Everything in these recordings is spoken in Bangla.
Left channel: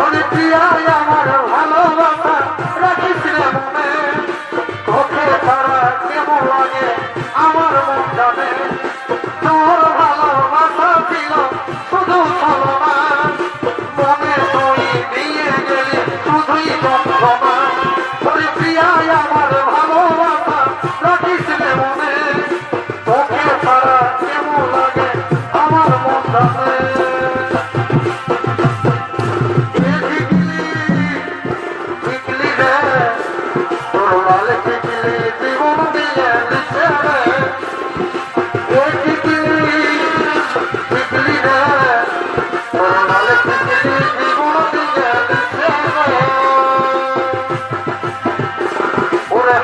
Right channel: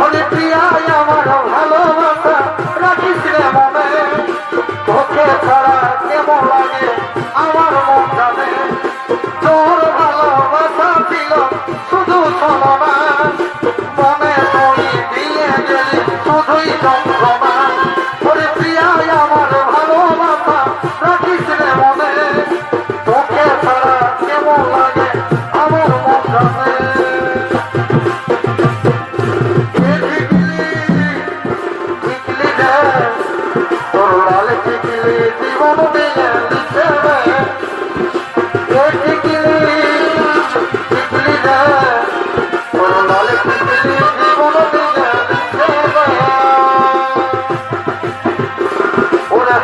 বলি প্রিয়াই আমার ভালোবাসা, রাখিস রে মনে। তোকে ছাড়া কেমন লাগে, আমার মন জানে। তোর ভালোবাসা ছিল শুধু ছলনা। মনে তুই দিয়ে গেলি শুধুই যন্ত্রণা।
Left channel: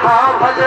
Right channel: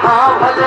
हाँ भले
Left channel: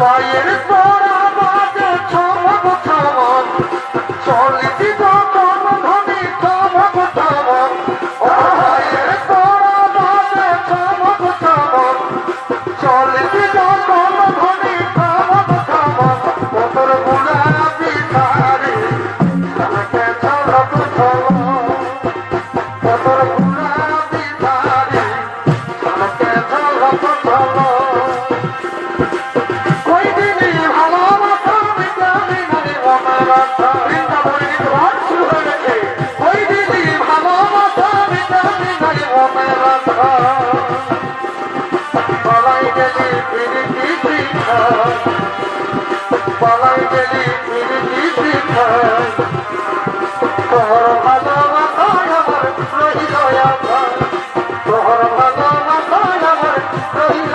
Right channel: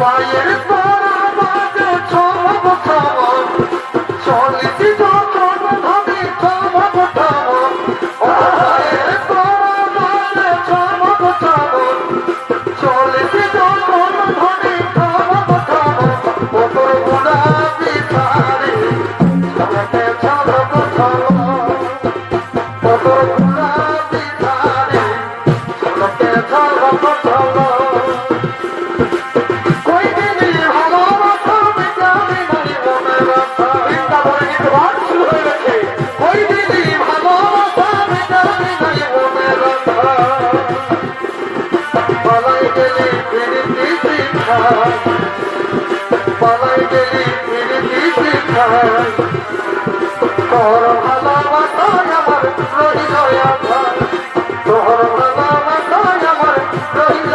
Why it is বৃন্দাবনে তোমার শুরু হয়ে গেছে ওই দিদি ভাগবত পালাই গেলি প্রীতি শিখায় পালাই গেলি প্রীতি শিখায় তোর ভালোবাসায় আমার রহিল তোর ভালোবাসায় আমার রহিল